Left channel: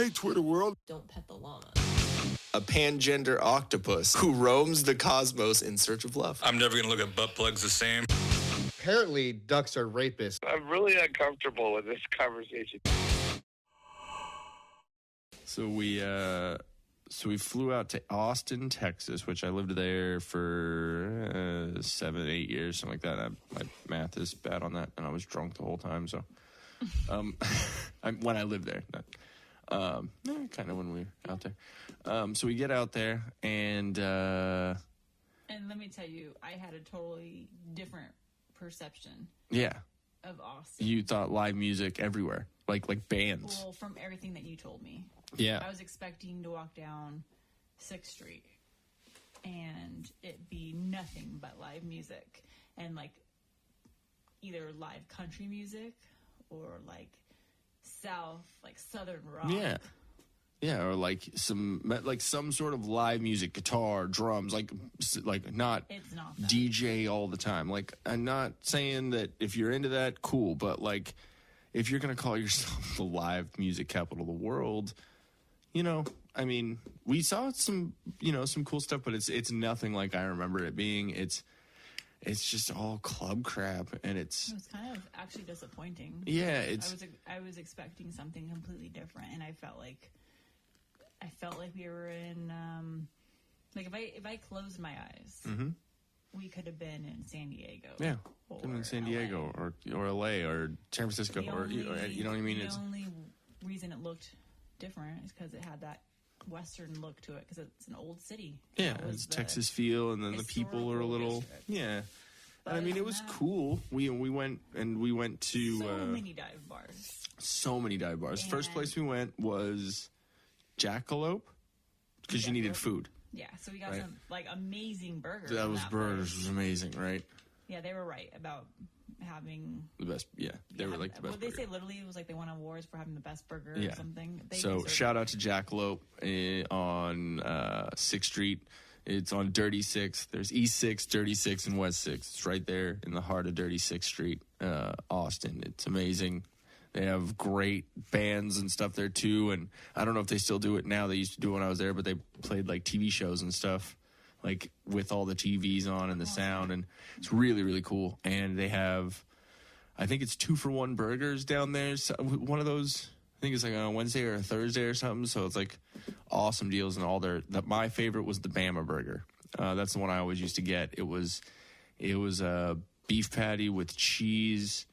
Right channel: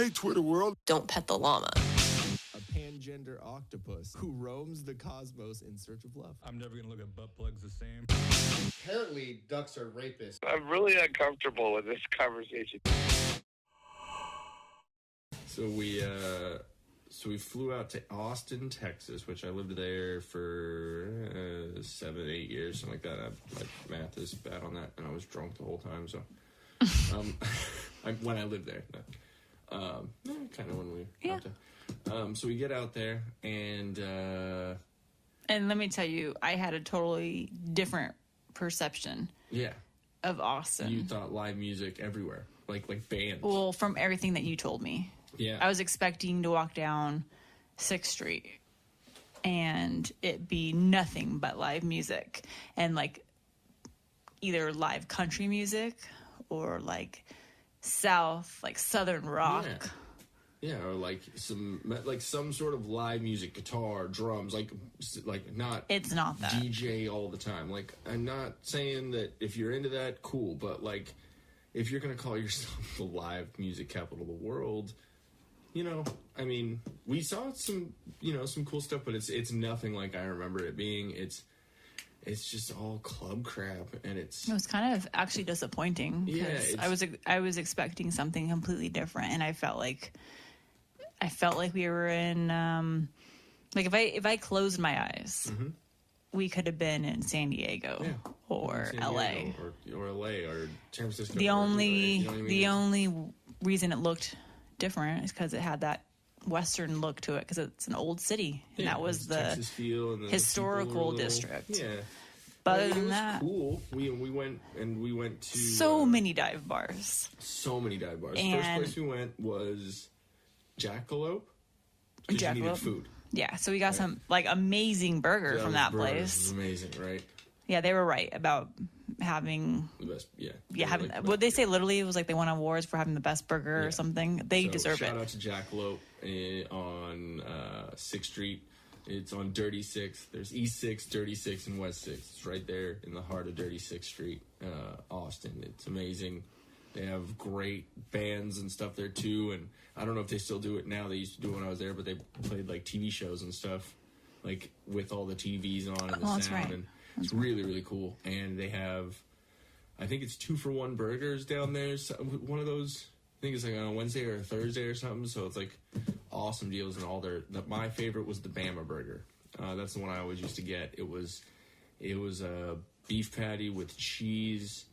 Hey, Twitter world. Don't pet the llama. A pangender octopus who roams the cosmos in search of love. I'm never going to look at butt plugs the same. Apparently, ducks are rapists. I'm really uncomfortable with this conversation. So we flew out to Austin, Texas, which I lived there for 7, 8 years, something like that. My math is bad on that, and I was drunk the whole time. So when I lived there, kind of when we were out there. So we get out there, and let me tell you, I had a totally different perception. Yeah. Of Austin. You thought live music everywhere, like bands. Well, from everything that you told me. Yeah. I was expecting to walk down 6th Street and it be nothing but live music and like either live country music or like southern rock. Yeah, or like some sort of live music, guitar, drums, like not. It's not that DJ all the time. Like, I'm not saying that if you're into that, cool, but like if you're gonna call yourself the live music capital of the world, you know, I mean, we saw some cool stuff, but it's nothing like I remember it being. It's just all club crap, and it was kind of actually disappointing. Yeah, I was expecting something completely different, and I felt like we were in like if I closed my eyes, we could have been in San Diego or LA or LA or San Francisco. The only the only reason it looked different is because it had that Western look to it, because it's an old city. And that was the Texas feel and historical district. Yeah. But I mean, it was that, cool. We went to so many dive bars. So many dive bars. And first place we went was Jackalope, because you needed food. Yeah, so we got some like amazing burger from that place. It was amazing, right? Yeah, they were right about having the best. Would they say literally it was like they won awards for having the best burger or something? They deserve it. Shout out to Jackalope on 6th Street. It's on Dirty 6. There's East 6, Dirty 6, and West 6. It's right there in the heart of Dirty 6th Street, Austin. It's amazing. They have great bands and stuff there too, and I don't know if they still do it now. They used to do it when I was there, but they played like TV shows and stuff, like with all the TVs on and the sound, and it's really, really cool. And they have, I think it's 2-for-1 burgers down there. So one of those, I think it's like on a Wednesday or a Thursday or something. So it's like awesome deals and all their. My favorite was the Bama burger. That's the one I always used to get. It was a beef patty with cheese,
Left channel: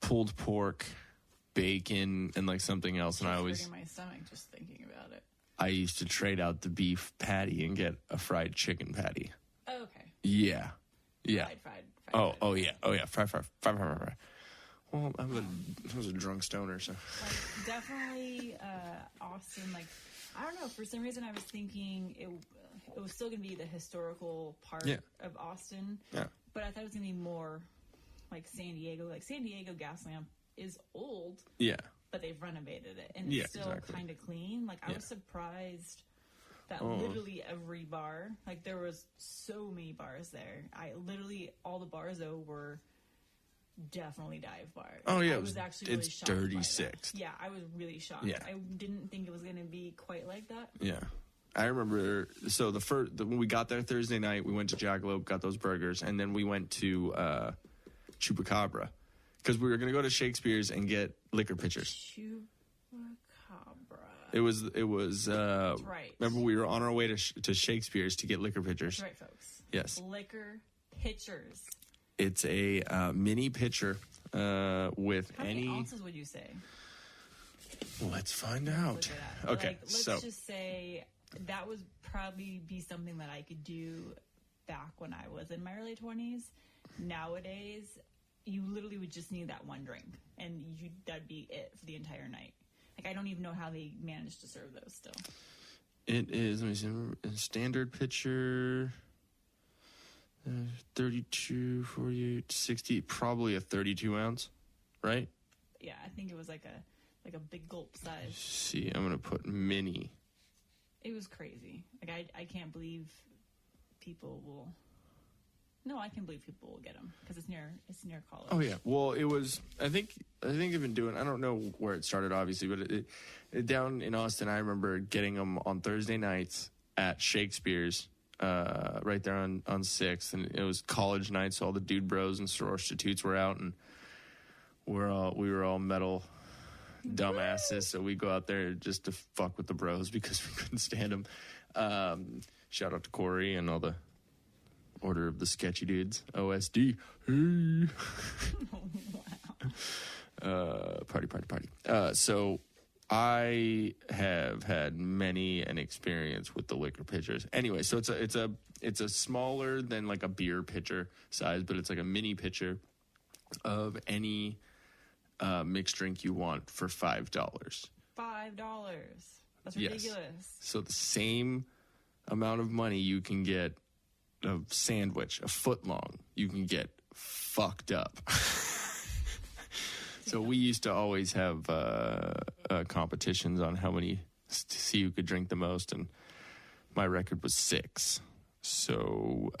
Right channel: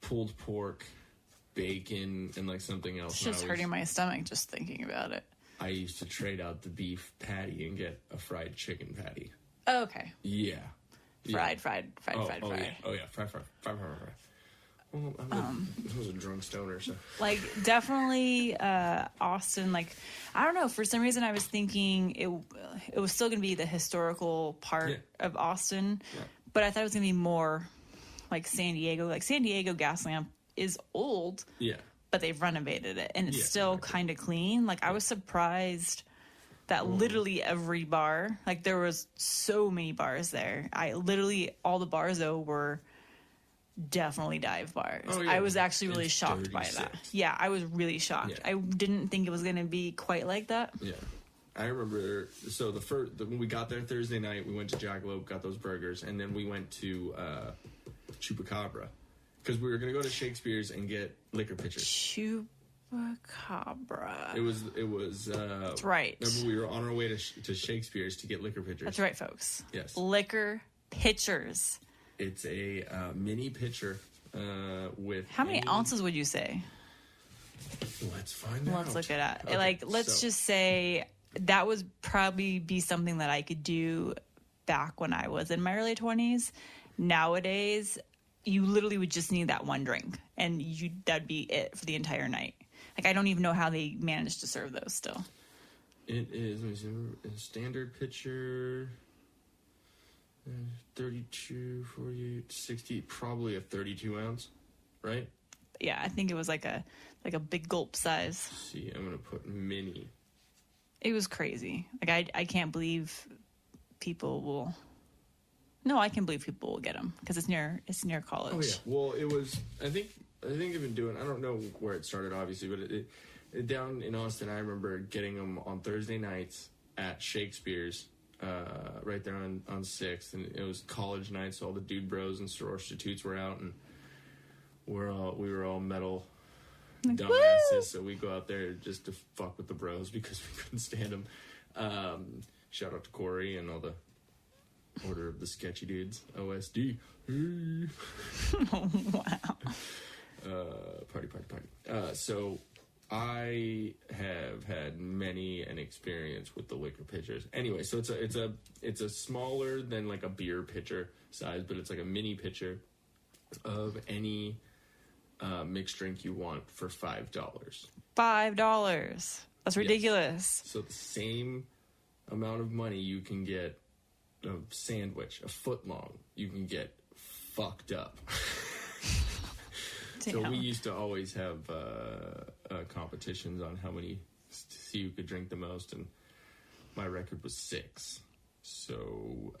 pulled pork, bacon, and like something else. It's just hurting my stomach just thinking about it. I used to trade out the beef patty and get a fried chicken patty. Oh, okay. Yeah. Fried. Oh yeah. Fried. Well, I was a drunk stoner, so. Like, definitely Austin, like, I don't know, for some reason I was thinking it was still going to be the historical part of Austin, but I thought it was going to be more like San Diego. Like, San Diego Gaslamp is old, but they've renovated it, and it's still kind of clean. Like, I was surprised that literally every bar, like, there was so many bars there. All the bars, though, were definitely dive bars. I was actually really shocked by that. Yeah, I was really shocked. I didn't think it was going to be quite like that. Yeah. I remember, so when we got there Thursday night, we went to Jackalope, got those burgers, and then we went to Chupacabra, because we were going to go to Shakespeare's and get Liquor Pitchers. Chupacabra. It was. That's right. Remember, we were on our way to Shakespeare's to get Liquor Pitchers. That's right, folks. Yes. Liquor Pitchers. It's a mini pitcher with. How many ounces would you say? Let's find out. Let's look it up. Okay, let's just say that would probably be something that I could do back when I was in my early 20s. Nowadays, you literally would just need that one drink, and that'd be it for the entire night. Like, I don't even know how they managed to serve those still. It is, let me see, a standard pitcher, 32, 48, 60, probably a 32 ounce, right? Yeah, I think it was like a big gulp size. Let's see, I'm going to put mini. It was crazy. Like, I can't believe people will. No, I can believe people will get them because it's near college. Oh yeah. Well, it was. I think they've been doing. I don't know where it started, obviously, but down in Austin, I remember getting them on Thursday nights at Shakespeare's, right there on 6th, and it was college night, so all the dude bros and sorority were out, and we were all metal dumbasses, so we go out there just to fuck with the bros because we couldn't stand them. Shout out to Corey and all the Order of the Sketchy Dudes, OSD. Wow. Party. So I have had many an experience with the liquor pitchers. Anyway, so it's a smaller than like a beer pitcher size, but it's like a mini pitcher of any mixed drink you want for $5. $5. That's ridiculous. So the same amount of money you can get a sandwich, a foot long, you can get fucked up. So we used to always have competitions on how many, to see who could drink the most, and my record was 6. So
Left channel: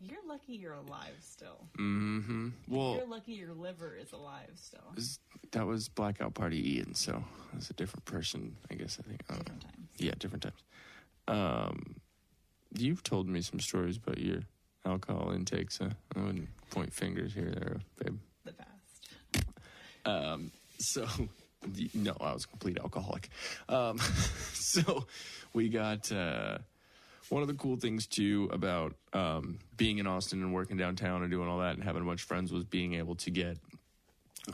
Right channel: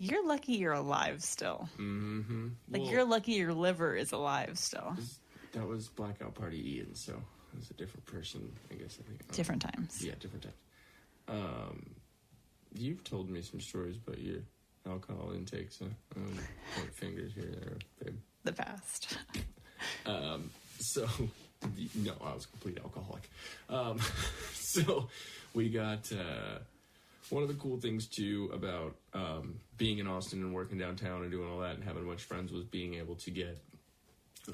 You're lucky you're alive still. Mm-hmm. Like, you're lucky your liver is alive still. That was Blackout Party Ian, so I was a different person, I guess. I think Different times. Yeah, different times. You've told me some stories about your alcohol intakes. I wouldn't point fingers here, there, babe. The past. So, no, I was a complete alcoholic. So, we got one of the cool things too about being in Austin and working downtown and doing all that and having a bunch of friends was being able to get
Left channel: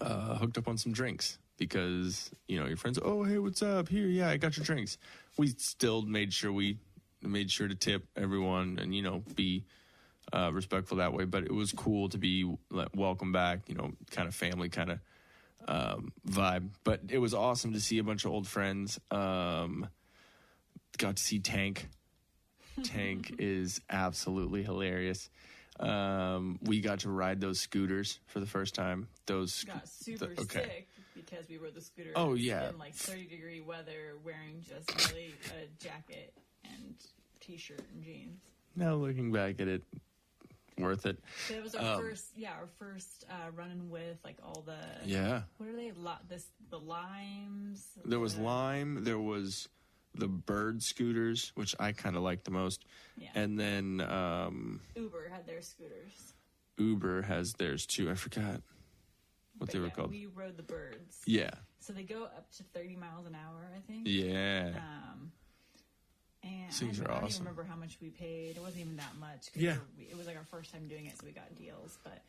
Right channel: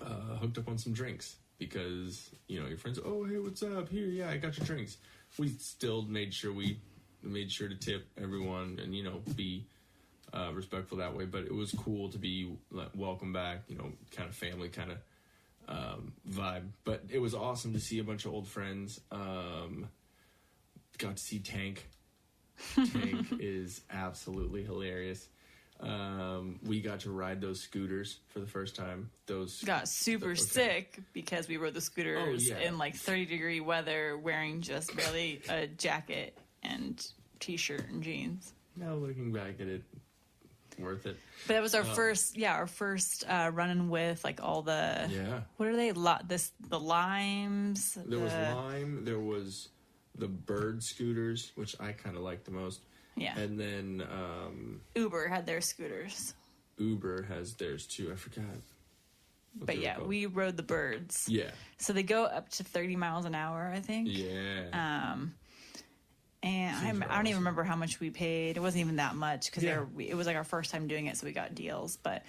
hooked up on some drinks, because your friends, oh hey, what's up, here, yeah, I got your drinks. We still made sure to tip everyone and be respectful that way, but it was cool to be welcome back, kind of family kind of vibe. But it was awesome to see a bunch of old friends. Got to see Tank. Tank is absolutely hilarious. We got to ride those scooters for the first time. Those got super sick because we rode the scooters in like 30-degree weather, wearing just really a jacket and t-shirt and jeans. Now looking back at it, worth it. But that was our first running with like all the what are they? The limes. There was lime. There was the bird scooters, which I kind of liked the most. Yeah. And then Uber had their scooters. Uber has theirs too. I forgot what they were called. We rode the birds. Yeah. So they go up to 30 miles an hour, I think. Yeah. And I don't even remember how much we paid. It wasn't even that much because it was like our first time doing it, so we got deals. But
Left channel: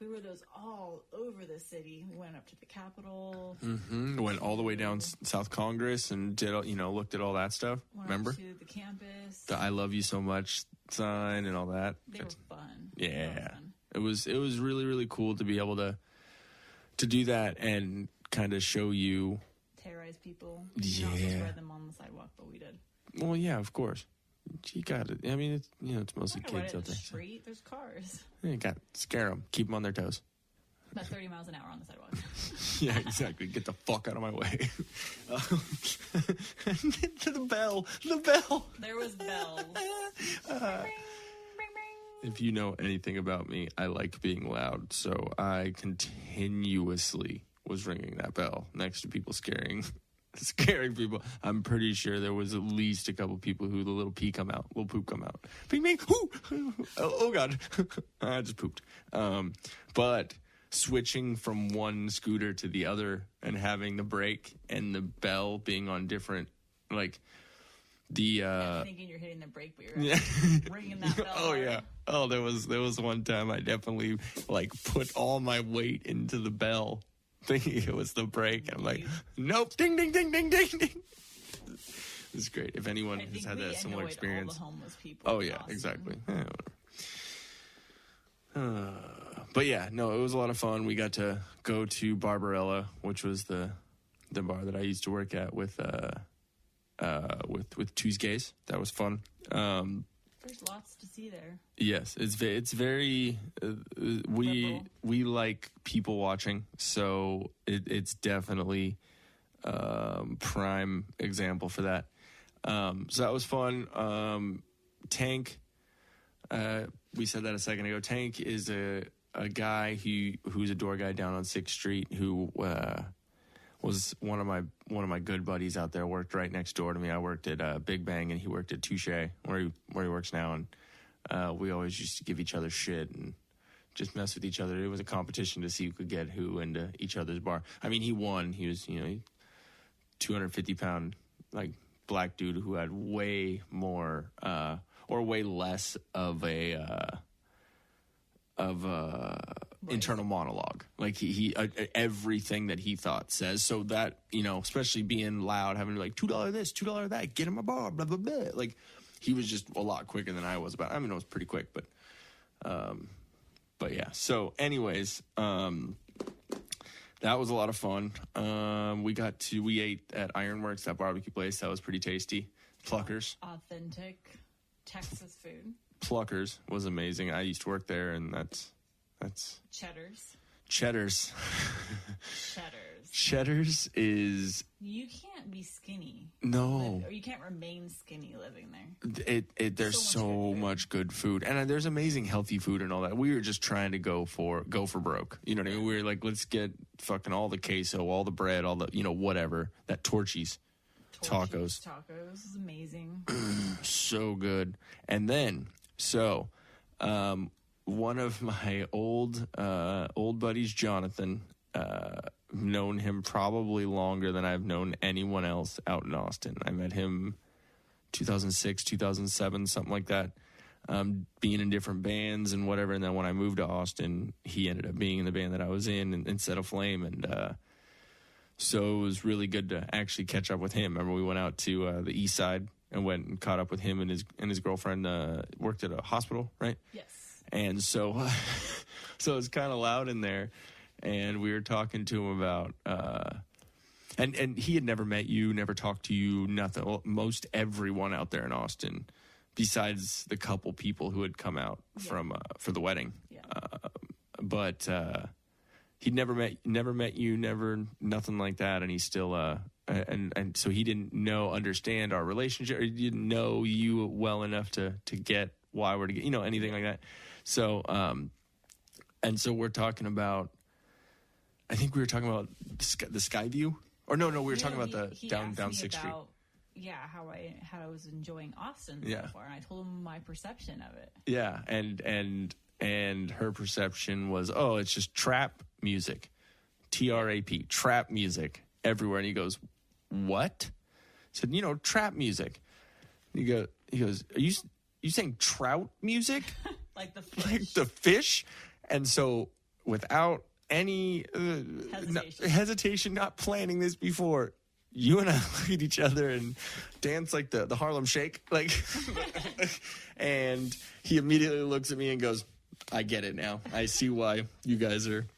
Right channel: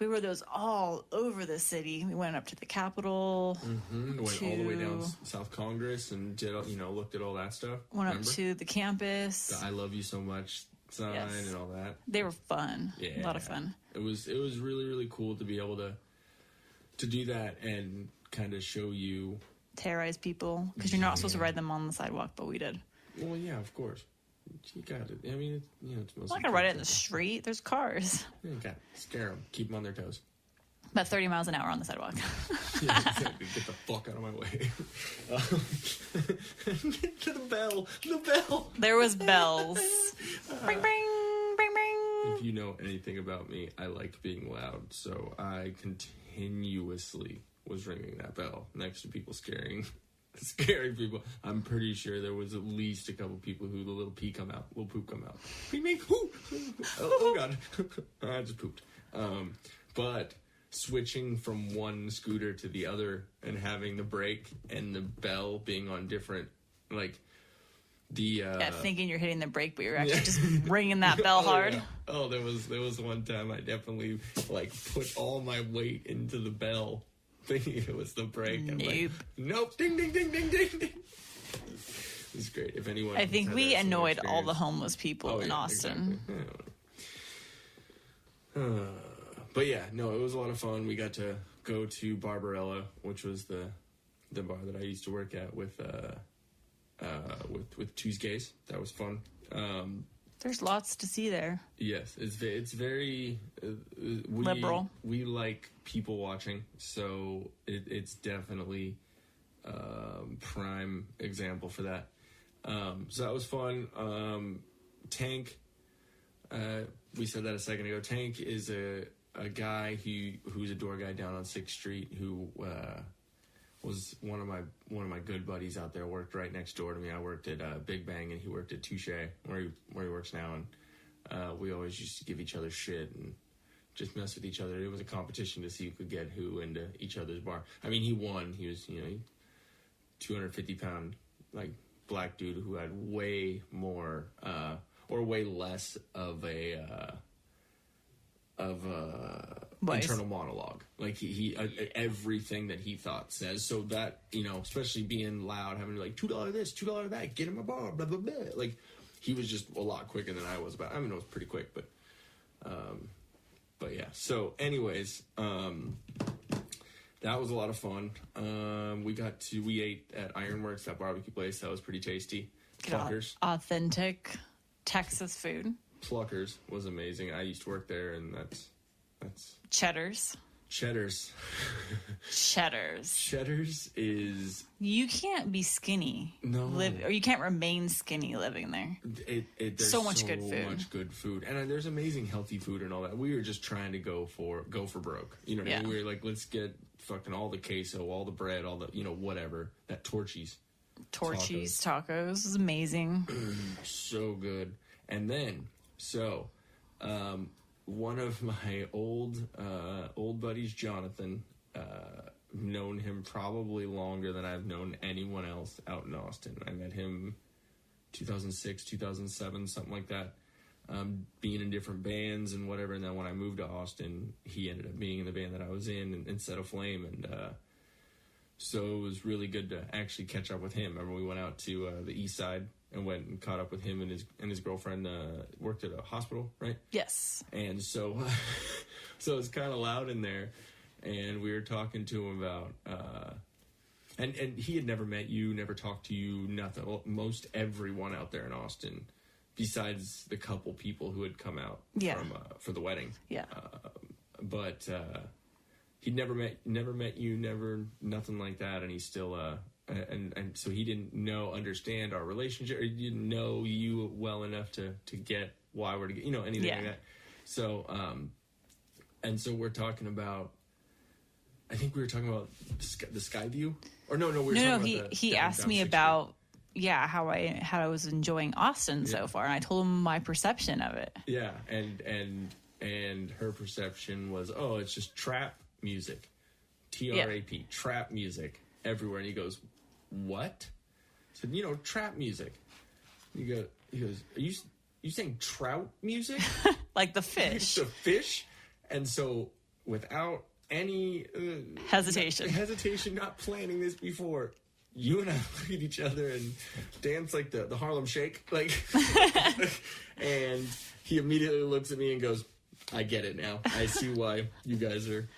we rode those all over the city. We went up to the Capitol. Mm-hmm. Went all the way down South Congress and did looked at all that stuff. Went up to the campus. The "I love you so much" sign and all that. They were fun. Yeah, a lot of fun. It was really, really cool to be able to do that and kind of show you, terrorize people, because you're not supposed to ride them on the sidewalk, but we did. Well, yeah, of course. You got it. I mean, it's mostly. I'm not gonna ride it in the street. There's cars. You got to scare them. Keep them on their toes. About 30 miles an hour on the sidewalk. Yeah, exactly. Get the fuck out of my way. The bell. There was bells. Bring, bring, bring, bring. If you know anything about me, I like being loud, so I continuously was ringing that bell next to people scaring people. I'm pretty sure there was at least a couple people who the little poop come out. Ping, ping, oh God. I just pooped. But switching from one scooter to the other and having the brake and the bell being on different, like the thinking you're hitting the brake, but you're actually just ringing that bell hard. Yeah. Oh, there was one time I definitely put all my weight into the bell, thinking it was the brake. I'm like, nope, ding, ding, ding, ding, ding, ding. It's great. If anyone, I think we annoyed all the homeless people in Austin. Exactly. Yeah, but yeah, no, it was a lot of fun. We got to go to Barbarella, which was the bar that I used to work at with Tuesdays. That was fun. There's lots to see there. Yes, it's very liberal. We like people watching, so it's definitely prime example for that. So that was fun. Tank, we said that a second ago. Tank is a guy who's a door guy down on 6th Street who was one of my good buddies out there. Worked right next door to me. I worked at Big Bang, and he worked at Touche, where he works now. And we always used to give each other shit and just mess with each other. It was a competition to see who could get who into each other's bar. I mean, he won. He was 250-pound like black dude who had way more or way less of a internal monologue. Like he everything that he thought says, so that, especially being loud, having to be like $2 this, $2 that, get in my bar, blah blah blah. Like he was just a lot quicker than I was. But I mean, it was pretty quick, but yeah. So anyways, that was a lot of fun. We ate at Ironworks, that barbecue place. That was pretty tasty. Pluckers. Authentic Texas food. Pluckers was amazing. I used to work there, and that's Cheddar's. Cheddar's is... You can't be skinny. No. Or you can't remain skinny living there. There's so much good food. And there's amazing healthy food and all that. We were just trying to go for broke. You know what I mean? We were like, let's get fucking all the queso, all the bread, all the, whatever. That Torchy's tacos is amazing. So good. And then, one of my old buddies, Jonathan, known him probably longer than I've known anyone else out in Austin. I met him 2006, 2007, something like that, being in different bands and whatever. And then when I moved to Austin, he ended up being in the band that I was in instead of Flame. And so it was really good to actually catch up with him. Remember, we went out to the east side and went and caught up with him, and his girlfriend worked at a hospital, right? Yes. And so it's kind of loud in there, and we were talking to him about and he had never met you, never talked to you, nothing. Well, most everyone out there in Austin, besides the couple people who had come out for the wedding. Yeah. But he'd never met you, nothing like that, and he's still and so he didn't understand our relationship, or he didn't know you well enough to get why we're together, anything like that. So and so we're talking about, I think we were talking about the SKYVIEW, or no, we were talking about he asked me about how I was enjoying Austin so far, and I told him my perception of it. Yeah, and her perception was, it's just trap music, TRAP, trap music everywhere. And he goes, what? I said, trap music. He goes, are you saying trout music? Like the fish. Like the fish? And so without any hesitation, not planning this before, you and I look at each other and dance like the Harlem Shake. Like, and he immediately looks at me and goes, I get it now. I see why you guys are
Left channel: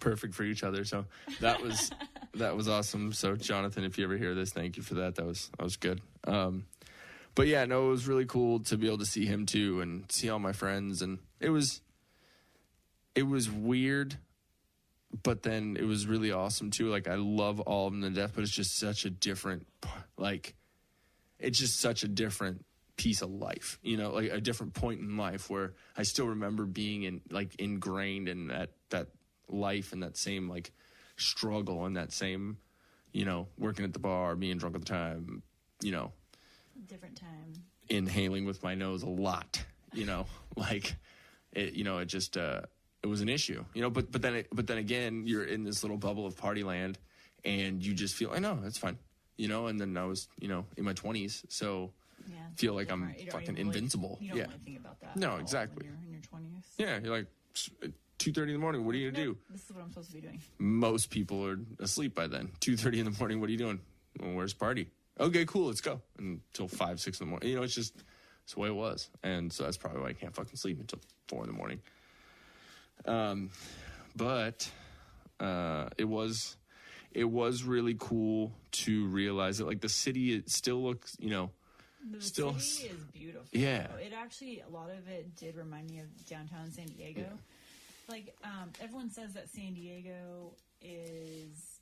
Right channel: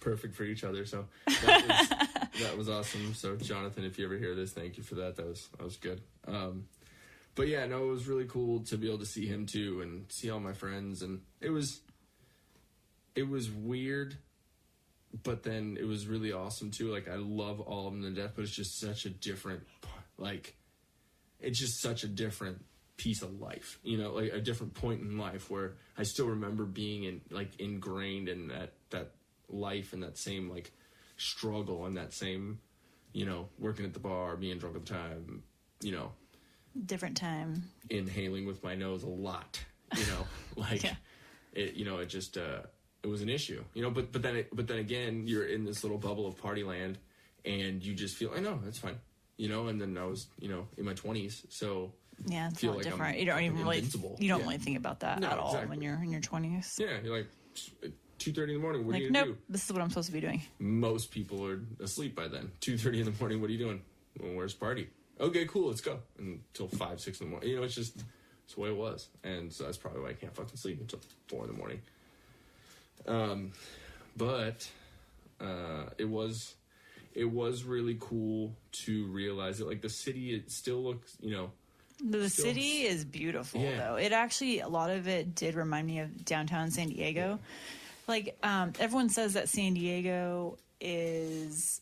perfect for each other. So that was awesome. So Jonathan, if you ever hear this, thank you for that. That was good. But yeah, no, it was really cool to be able to see him too and see all my friends, and it was weird, but then it was really awesome too. Like, I love all of them to death, but it's just such a different, it's just such a different piece of life, like a different point in life where I still remember being ingrained in that life and that same struggle and that same, working at the bar, being drunk at the time, different time, inhaling with my nose a lot, it just, it was an issue, but then again, you're in this little bubble of party land and you just feel, I know, that's fine, and then I was, in my 20s. So yeah, it's feel like different. I'm you don't even invincible. You don't really think about that at all when you're in your 20s. Yeah, you're like 2:30 in the morning. What are you gonna do? This is what I'm supposed to be doing. Most people are asleep by then. 2:30 in the morning. What are you doing? Well, where's the party? Okay, cool. Let's go. Until 5, 6 in the morning. It's just it's the way it was, and so that's probably why I can't fucking sleep until 4 in the morning. But it was really cool to realize that the city, it still looks, The city is beautiful, though. It actually, a lot of it did remind me of downtown San Diego. Everyone says that San Diego is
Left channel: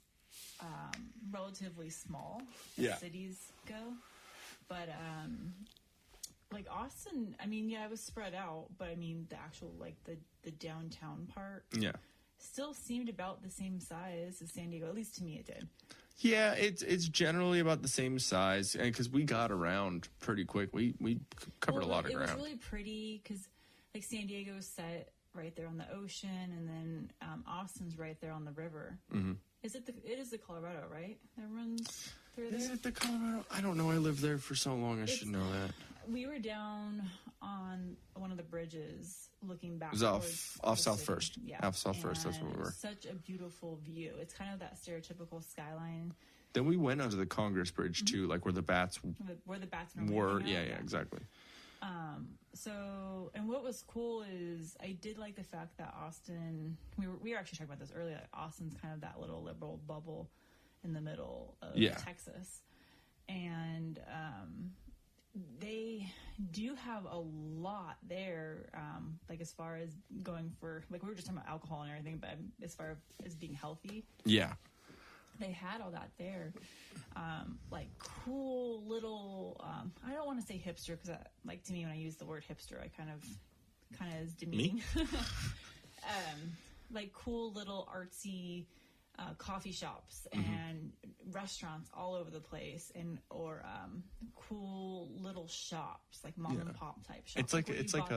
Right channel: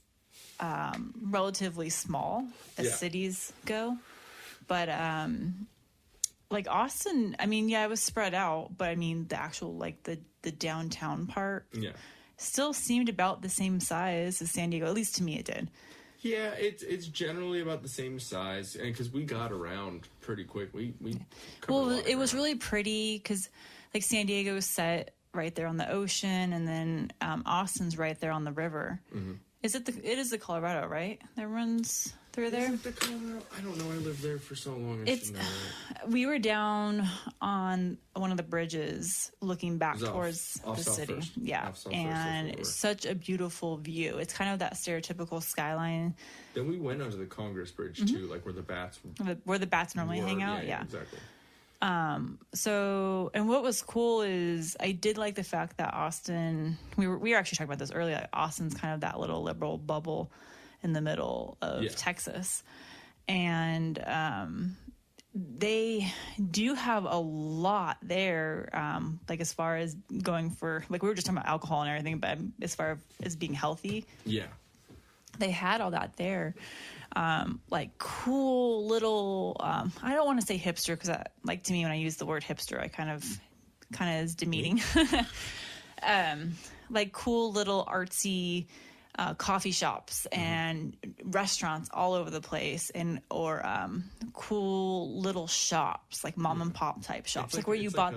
relatively small as cities go. But, Austin, I mean, it was spread out. But, I mean, the actual, the downtown part still seemed about the same size as San Diego. At least to me, it did. Yeah, it's generally about the same size because we got around pretty quick. We covered a lot of it was ground. really pretty because like San Diego is set right there on the ocean, and then Austin's right there on the river. Mm-hmm. It is the Colorado, right? That runs through there. Is it the Colorado? I don't know. I lived there for so long. I should know that. We were down on one of the bridges looking back towards off the South city. First. Yeah, Off South First, that's where we and were. such a beautiful view. It's kind of that stereotypical skyline Then we went onto the Congress Bridge too, like where the bats where the bats normally were. hang out. Yeah, exactly. So, and what was cool is I did like the fact that Austin, we were actually talking about this earlier, like Austin's kind of that little liberal bubble in the middle of Texas. And they do have a lot there, like as far as going for, like we were just talking about alcohol and everything, but as far as being healthy, they had all that there. Like cool little, I don't want to say hipster because like to me when I use the word hipster, I kind of is demeaning. Like cool little artsy coffee shops and restaurants all over the place, or cool little shops like mom and pop type shops, like where you bought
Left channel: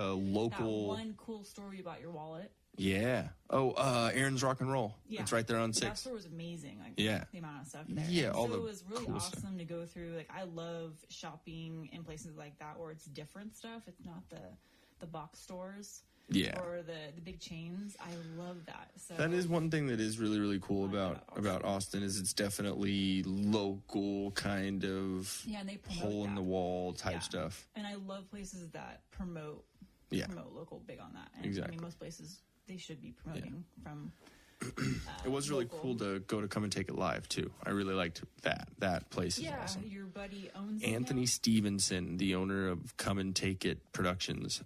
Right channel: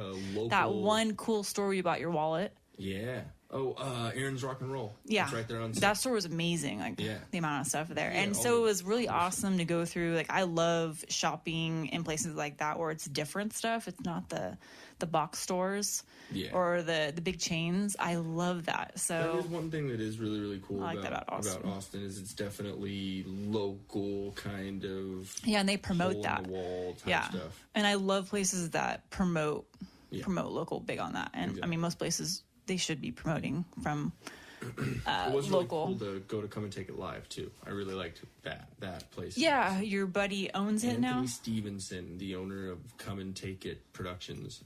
that one cool store where you bought your wallet. Yeah. Oh, Aaron's Rock and Roll. Yeah. It's right there on set. That store was amazing. Like the amount of stuff there. And so it was really awesome to go through. Like I love shopping in places like that where it's different stuff. It's not the box stores or the big chains. I love that. So that is one thing that is really, really cool about Austin is it's definitely local kind of and they promote that hole in the wall type stuff. And I love places that promote local big on that. And I mean most places they should be promoting from it was really cool to go to Come and Take It Live too. I really liked that place. Yeah, your buddy owns it now. Anthony Stevenson, the owner of Come and Take It Productions,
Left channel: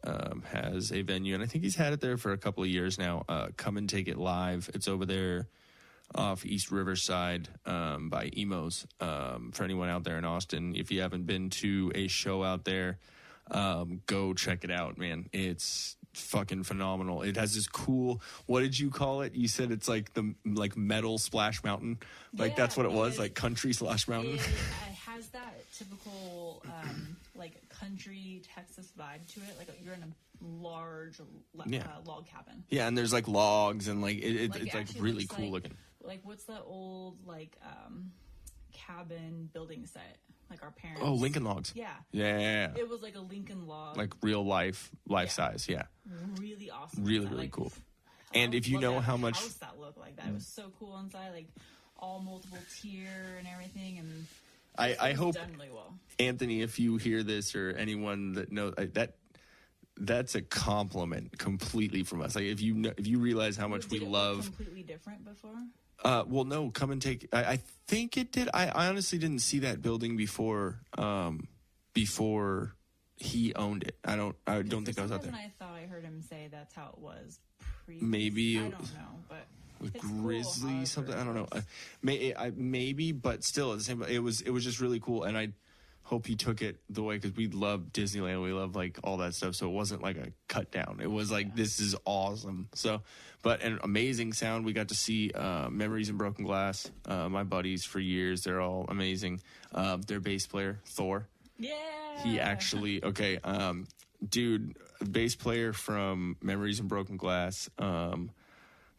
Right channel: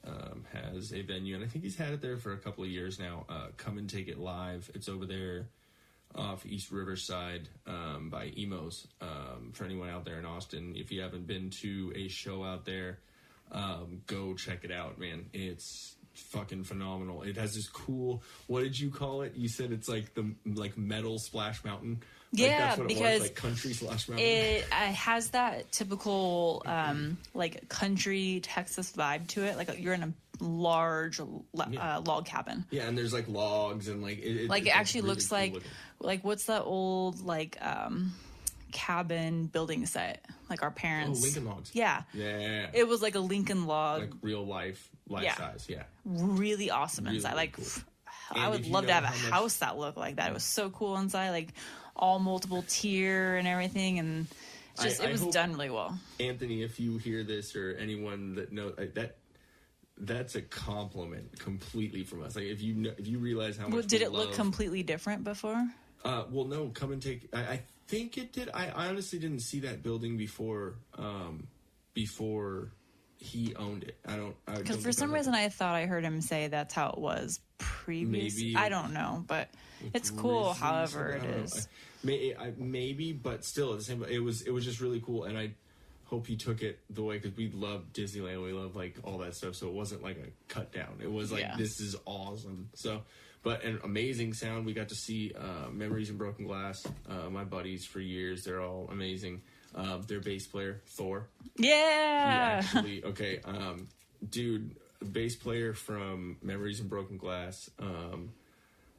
has a venue, and I think he's had it there for a couple of years now. Come and Take It Live. It's over there off East Riverside by Emo's. For anyone out there in Austin, if you haven't been to a show out there, go check it out, man. It's fucking phenomenal. It has this cool, what did you call it? You said it's like the metal Splash Mountain. Like that's what it was, like country Splash Mountain. It has that typical like country Texas vibe to it. Like you're in a large log cabin. Yeah, and there's like logs and like it actually really looks cool like looking. Like what's that old like cabin building set? Like our parents. Oh, Lincoln Logs. Yeah. It was like a Lincoln log. Like real life size, yeah. Really awesome really, inside. really Like cool. I And would if you love know to have how a much house that looked like that. It was so cool inside, like all multiple tier and everything, and just it was done really well. Anthony, if you hear this or anyone that knows that's a compliment completely from us. Like if you realize how much did we it love, look completely different before? Well, no. Come and Take. I think it did. I honestly didn't see that building before he owned it. I don't. Because for some reason I thought I heard him say that's how it was previously. Maybe I don't know, but it's cool. However, I don't know. is. Maybe, but still, at the same. It was just really cool, and I hope he took it the way because we love Disneyland. We love like all that stuff. So it wasn't like a cut down. It was like this is awesome. So. But an amazing sound. We got to see Memories in Broken Glass. My buddies for years. They're all amazing. Their bass player, Thor. Yeah. He actually, dude, bass player from Memories in Broken Glass.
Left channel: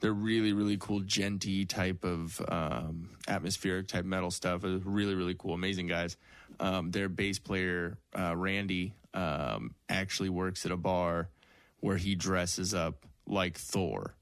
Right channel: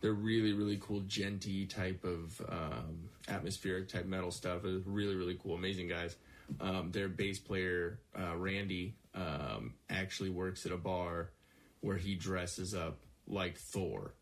They're really, really cool, genty type of atmospheric type metal stuff. It was really, really cool. Amazing guys. Their bass player, Randy, actually works at a bar where he dresses up like Thor.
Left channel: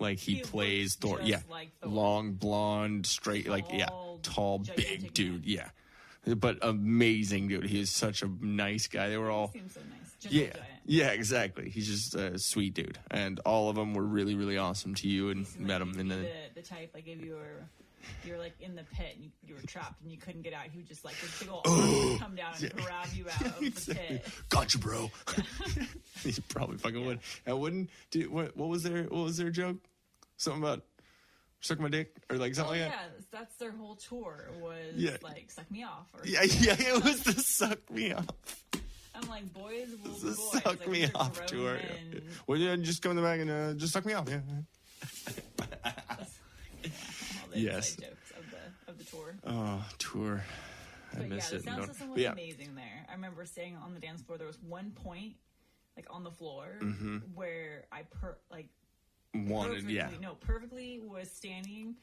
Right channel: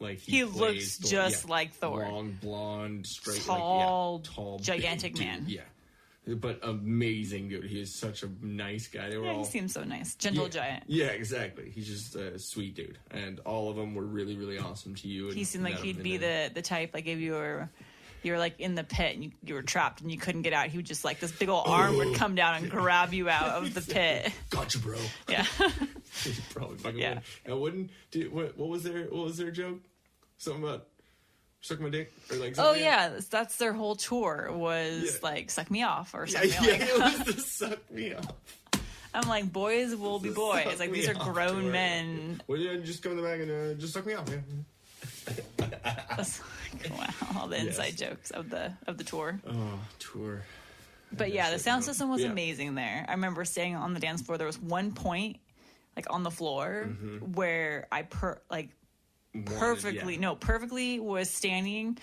Like he plays looks Thor. just like Thor. Long, blonde, straight, tall, gigantic big man. dude. Yeah. But amazing dude. He is such a nice guy. They were all he seems so nice. Gentle giant. Yeah, exactly. He's just a sweet dude. And all of them were really, really awesome to you. And He seemed like he'd be the type like if you were like in the pit and you were trapped and you couldn't get out, he would just like this big old arm would come down and grab you out of the pit. Gotcha, bro. Yeah. He probably fucking would. And what was their joke? Something about suck my dick or like something. Oh yeah, that's their whole tour was like suck me off or something. It was the suck me off. I'm like, boys will be boys. Like these are grown men. Well, yeah, just come in the bag and just suck me off. Yeah. Wow, all the inside jokes of the tour. Oh, tour. But yeah, the sound system was amazing there. I remember staying on the dance floor. There was one point, like on the floor, where I perfectly was standing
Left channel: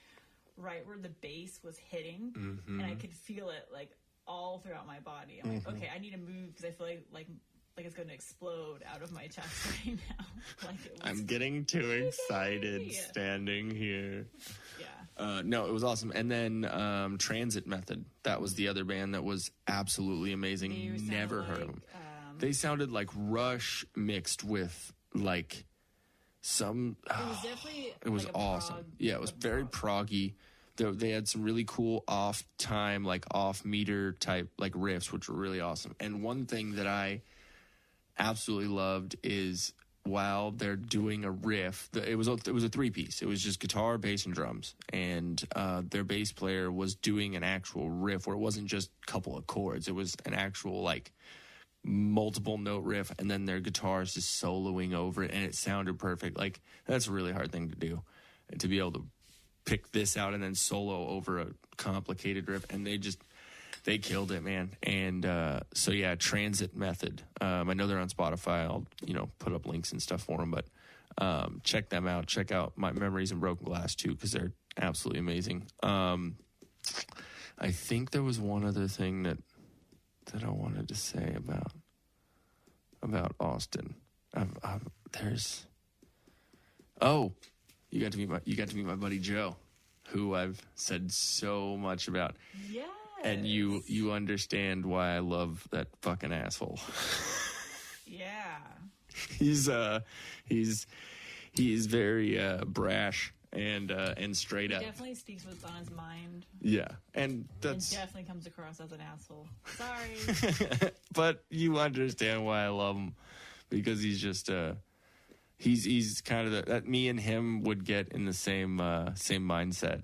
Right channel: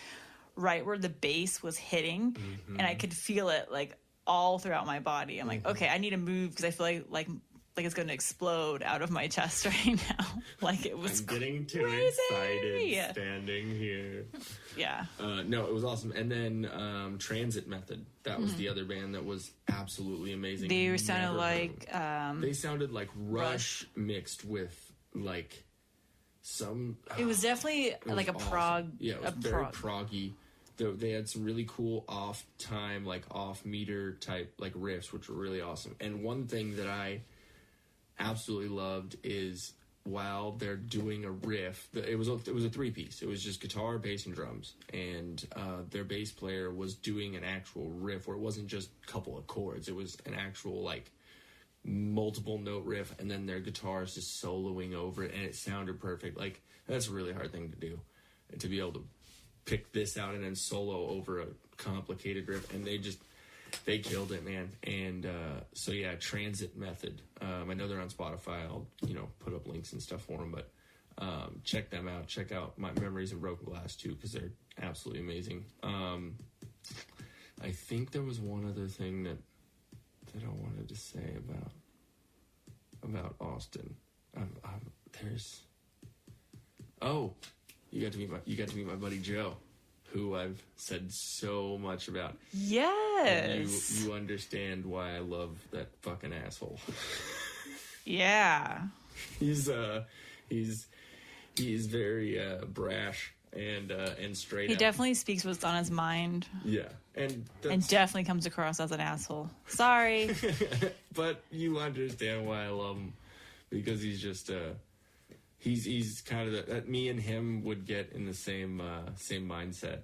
right where the bass was hitting, and I could feel it like all throughout my body. I'm like, okay, I need to move because I feel like it's going to explode out of my chest right now. Like it was. I'm getting too excited standing here. Yeah. No, it was awesome. And then Transit Method. That was the other band that was absolutely amazing. They sounded like they sounded like Rush mixed with like some. It was definitely like a awesome. prog. Yeah, it was very proggy. They had some really cool off-time, like off-meter type like riffs, which were really awesome. And one thing that I absolutely loved is while they're doing a riff, it was a three-piece. It was just guitar, bass, and drums. And their bass player was doing an actual riff where it wasn't just a couple of chords. It was an actual like multiple note riff, and then their guitars just soloing over it, and it sounded perfect. Like that's a really hard thing to do, to be able to pick this out and then solo over a complicated riff, and they killed it, man. And so yeah, Transit Method. I know they're on Spotify. I'll put up links and stuff for them, but check them out. Check out My Memories in Broken Glass too, because they're absolutely amazing. I think there was one other thing that I wanted to say about Austin. You got to meet my buddy Joe, who I've said so much about. Yes. And you understand why I love that fucking asshole. Yeah. He's very brash and straight. He out. definitely speaks what's on his mind. Yeah, and definitely comes across as an asshole. Sorry. But you understand why I love him, because he's just he's kind of that me and him would get in the same mindset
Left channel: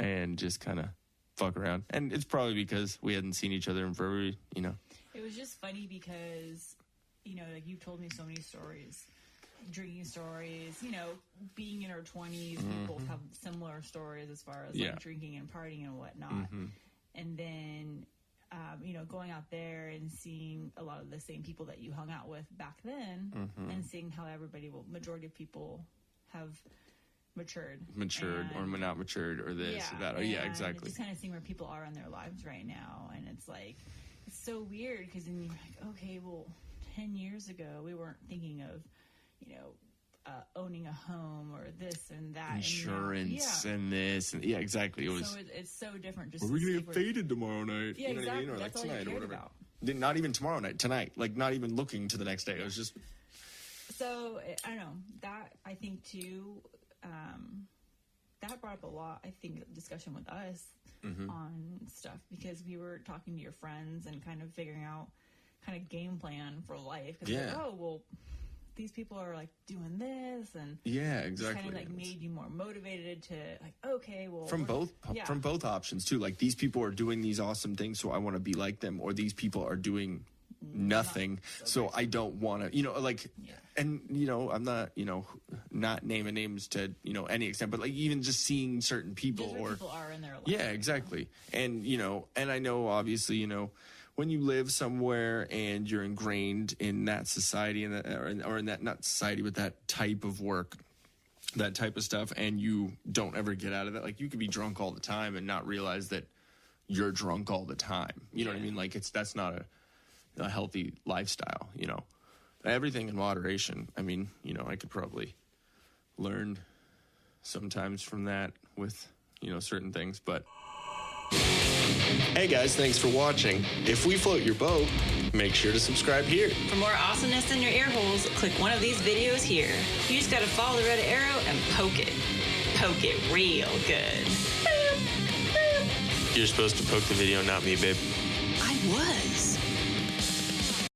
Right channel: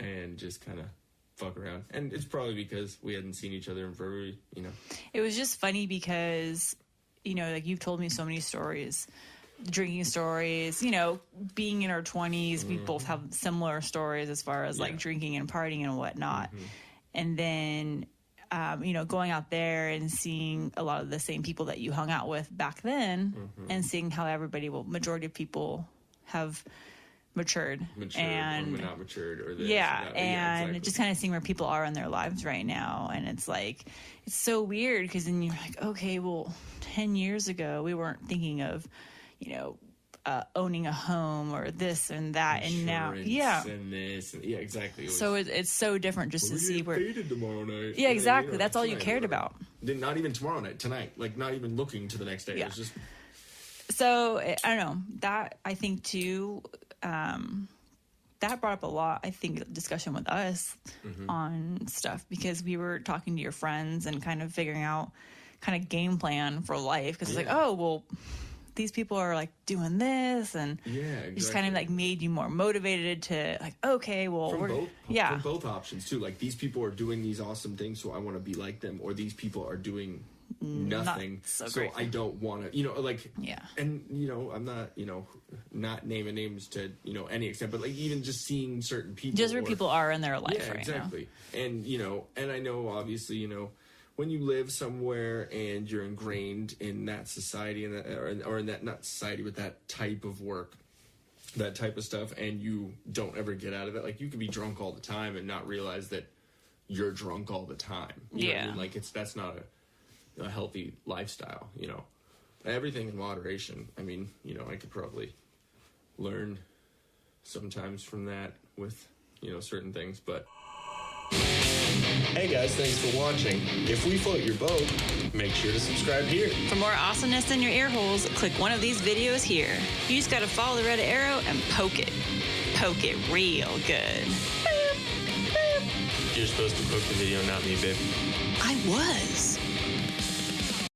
and just kind of fuck around. And it's probably because we hadn't seen each other in forever, It was just funny because, like you've told me so many stories, drinking stories, being in our 20s, we both have similar stories as far as like drinking and partying and whatnot. And then, going out there and seeing a lot of the same people that you hung out with back then and seeing how majority of people have matured and or not matured or this and or that. Exactly. just kind of seeing where people are in their lives right now. And it's like, it's so weird because then you're like, okay, well, 10 years ago, we weren't thinking of, owning a home or this and that. Insurance and now, and this. And, exactly. It's so different just to see where. Faded tomorrow night. Yeah, exactly. That's all you cared about. Not even tomorrow night, tonight. Like, not even looking to the next day. Yeah. It was just. So, I don't know. That, I think, too, that brought up a lot, I think, discussion with us on stuff because we were talking to your friends and kind of figuring out kind of game plan for life. Because it's like, oh, well, these people are like doing this and just kind of like made you more motivated to like, okay, well, from both options too. Like these people are doing these awesome things, so I want to be like them, or these people are doing nothing, so I don't want to, and I'm not, not naming names to any extent, but like even just seeing certain people, just where people are in their life, right exactly now. And and I know obviously when you live somewhere and you're ingrained in that society and that, or in that, not society, but that type of work, that type of stuff, and you don't ever get out of it. Like you could be drunk all the time and not realize that you're drunk all the time. You know what I mean? Like that's not a healthy lifestyle, Everything in moderation. I mean, I could probably learn sometimes from that with, certain things, but. Hey guys, thanks for watching. If we float your boat, make sure to subscribe here. For more awesomeness in your ear holes, click one of these videos here. You just gotta follow the red arrow and poke it. Poke it real good. You're supposed to poke the video, not me, babe. I was.